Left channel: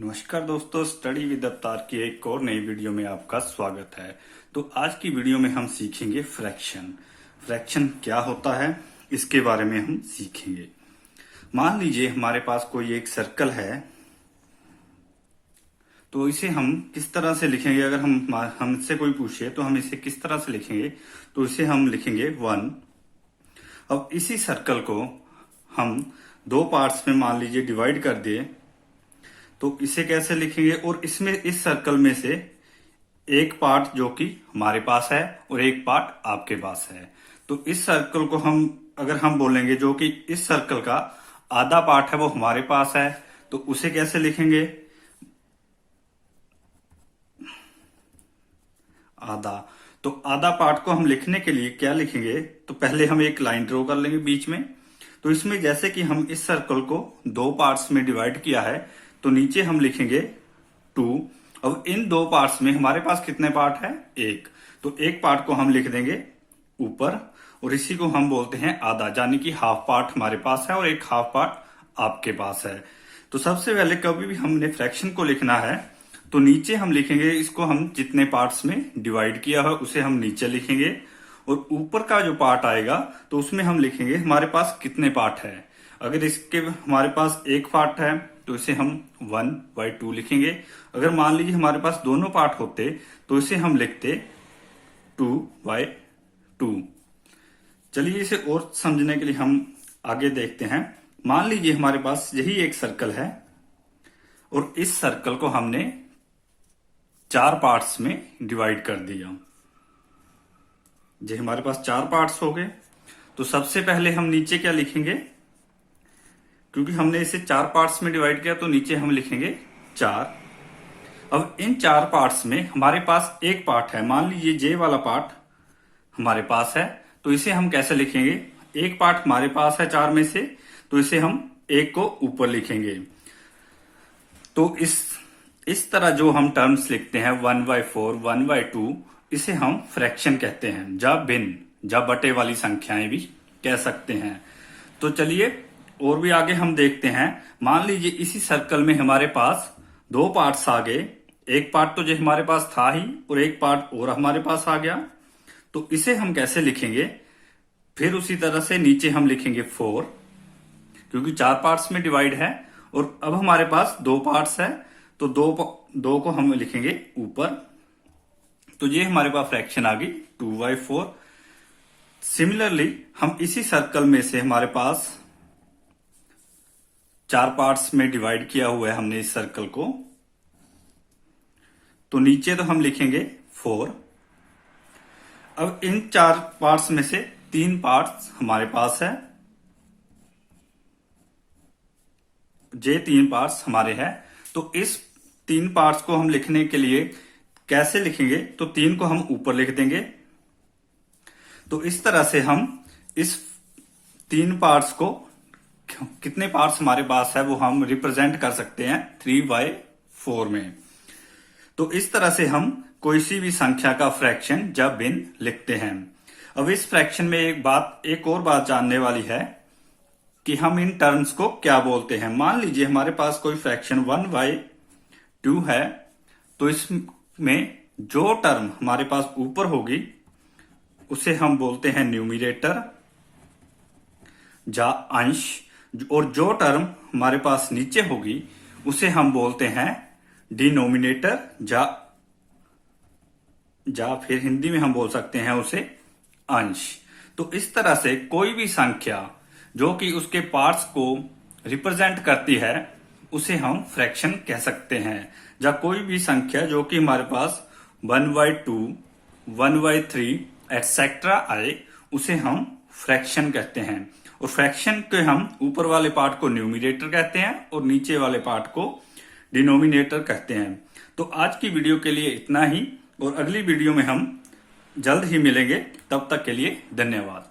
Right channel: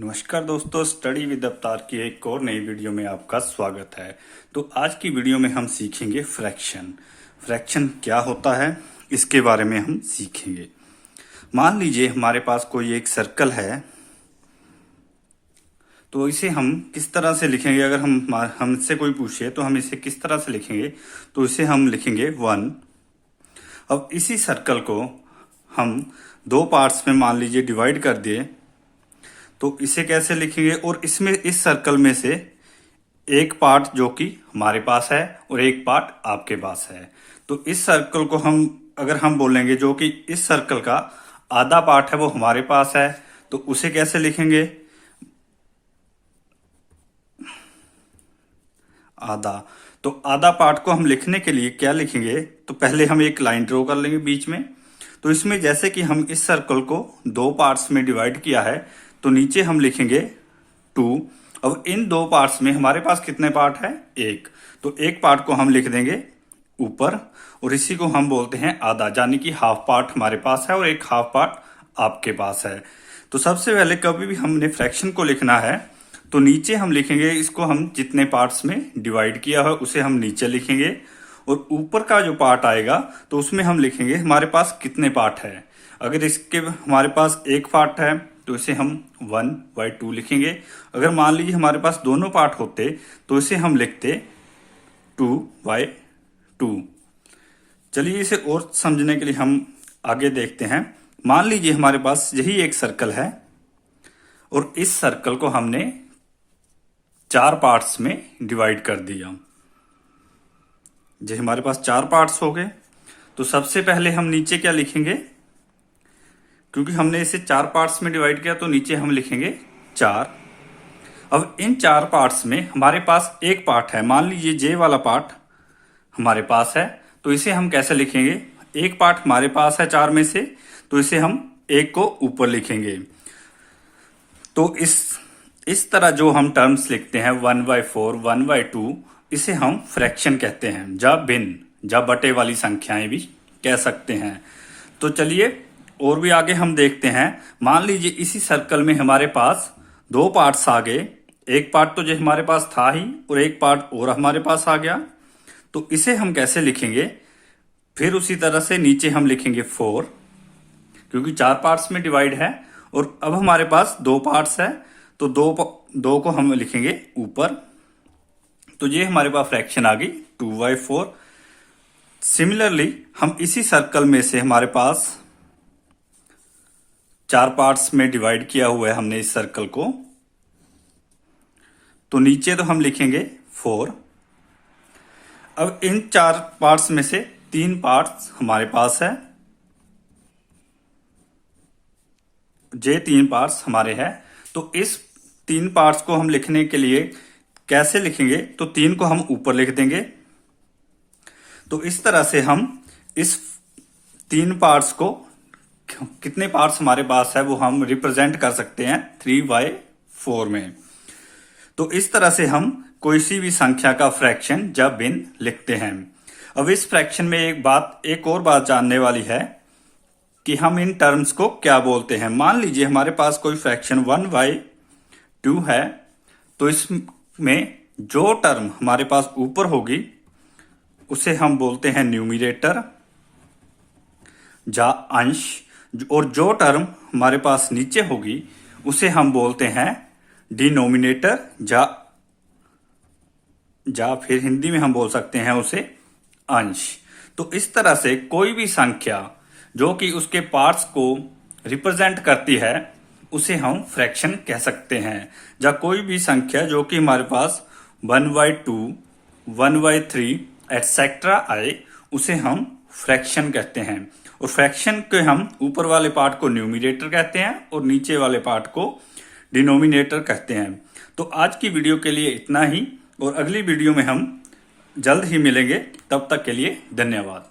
नमस्कार दोस्तों, study with अवतार की एक और नई वीडियो में आपका स्वागत है। तो आज की वीडियो में हम सीखेंगे फ्रैक्शन। फ्रैक्शन क्या होता है इसके बारे में हम सीखेंगे। मान लीजिए हमारे पास कोई एक सर्कल है, तो इसे हम किस तरह से लिखेंगे। अगर हमसे कोई पूछे तो हम इसे किस तरह से लिखेंगे, तो इसे हम लिखेंगे 1। अब इसी सर्कल को हम दो पार्ट्स में मान लीजिए डिवाइड कर दिए, तो इसे कैसे लिखेंगे। और इसमें इस सर्कल में से एक पार्ट जो कि हमारे पास है और एक पार्ट आपके पास है, तो इस सर्कल को अगर हम बोलेंगे जो कि इस सर्कल का आधा पार्ट है वो हमारे पास है, तो उसे कैसे लिखेंगे। आधा, तो आधा पार्ट को हम लिखने के लिए क्या लिखेंगे, तो पहले हम एक लाइन ड्रॉ कर लेंगे बीच में। तो इसमें जैसे कि हम इस सर्कल को दो पार्ट्स में डिवाइड किया है, तो नीचे हम लिखेंगे 2। अब इन दो पार्ट्स में हमारे पास कितने पार्ट है, एक। तो एक पार्ट को हम लिख देंगे ऊपर, और इसी को हम बोलते हैं आधा, यानी कि हाफ पार्ट हमारे पास है और एक हाफ पार्ट आपके पास है। तो सबसे पहले कभी भी हमने फ्रैक्शन को लिखना है तो नीचे हम लिखेंगे, इसको हम जितने पार्ट्स में डिवाइड किया है उसे हम नीचे लिखेंगे, और ऊपर का जो पार्ट आएगा तो उसमें हम लिखेंगे हमारे पास कितने पार्ट है। अगर इसके हमारे पास एक पार्ट है तो इसे हम 1/2 लिखेंगे। अगर मान लीजिए हमारे पास दोनों पार्ट होते तो इसे हम लिखते 2/2। चलिए इसे और समझने के लिए हम आगे देखते हैं। मान लीजिए हमारे पास यही एक सर्कल है और इस सर्कल को हमने 4 पार्ट्स में डिवाइड कर दिया। जब हमारे पास 4 पार्ट्स हो गए तो सबसे पहले हम नीचे क्या लिखेंगे, क्योंकि हमने इसे 4 पार्ट्स में डिवाइड किया तो नीचे हम लिखेंगे 4। अब इन 4 पार्ट्स में हमारे पास एक पार्ट है, मान लीजिए जे वाला पार्ट हमारे पास है, तो इसे हम कैसे लिखेंगे। एक पार्ट हमारे पास है 4 में से, तो इसे हम एक को ऊपर लिखेंगे। तो इस तरह जो हम टर्म्स लिखते हैं 1/4, 1/2, इसे हम फ्रैक्शन कहते हैं, या भिन्न या बटे वाली संख्याएं भी कह सकते हैं। तो चलिए और भी आगे हम देखते हैं। मान लीजिए इसी सर्कल में हमारे पास दो पार्ट्स आ गए, एक पार्ट तो जो हमारे पास था ही और एक पार्ट और हमारे पास आ गया, तो इसे हम कैसे लिखेंगे। फिर उसी तरह से नीचे हम लिखेंगे 4, क्योंकि 4 पार्ट्स में डिवाइड है। और अब हमारे पास दो पार्ट्स है, तो दो को हम लिखेंगे ऊपर, तो ये हमारे पास फ्रैक्शन आ गई 2/4। सिमिलरली हम इसी सर्कल में से हमारे पास 4 पार्ट्स में डिवाइड किया हुआ है हमने इस सर्कल को, तो नीचे तो हम लिखेंगे 4। अब इन 4 पार्ट्स में से 3 पार्ट्स हमारे पास है, ये 3 पार्ट्स हमारे हैं। तो इस 3 पार्ट्स को हम लिखने के लिए कैसे लिखेंगे, तो 3 को हम ऊपर लिख देंगे। तो इस तरह से हम इस 3 पार्ट्स को, कितने पार्ट्स हमारे पास है वो हम रिप्रेजेंट कर सकते हैं 3/4 में। तो इस तरह से हम कोई सी भी संख्या का फ्रैक्शन या भिन्न लिखते हैं। अब इस फ्रैक्शन में एक और बात जानने वाली है कि हम इन टर्म्स को क्या बोलते हैं। मान लीजिए हमारे पास कोई फ्रैक्शन 1/2 है, तो इसमें जो टर्म हमारे पास ऊपर होगी उसे हम बोलते हैं न्यूमरेटर या अंश, और जो टर्म हमारे पास नीचे होगी उसे हम बोलते हैं डिनोमिनेटर, या फिर हिंदी में हम बोल सकते हैं उसे अंश। तो इस तरह से कोई भी संख्या जो कि उसके पार्ट्स को रिप्रेजेंट करती है उसे हम फ्रैक्शन कह सकते हैं। या कोई भी संख्या जो कि हमारे पास 1/2, 1/3 एटसेट्रा आए, उसे हम फ्रैक्शन कहते हैं। और फ्रैक्शन के हम ऊपर वाले पार्ट को न्यूमरेटर कहते हैं और नीचे वाले पार्ट को डिनोमिनेटर कहते हैं। तो आज की वीडियो के लिए इतना ही, और अगली वीडियो में हम जल्द ही मिलेंगे। तब तक के लिए धन्यवाद।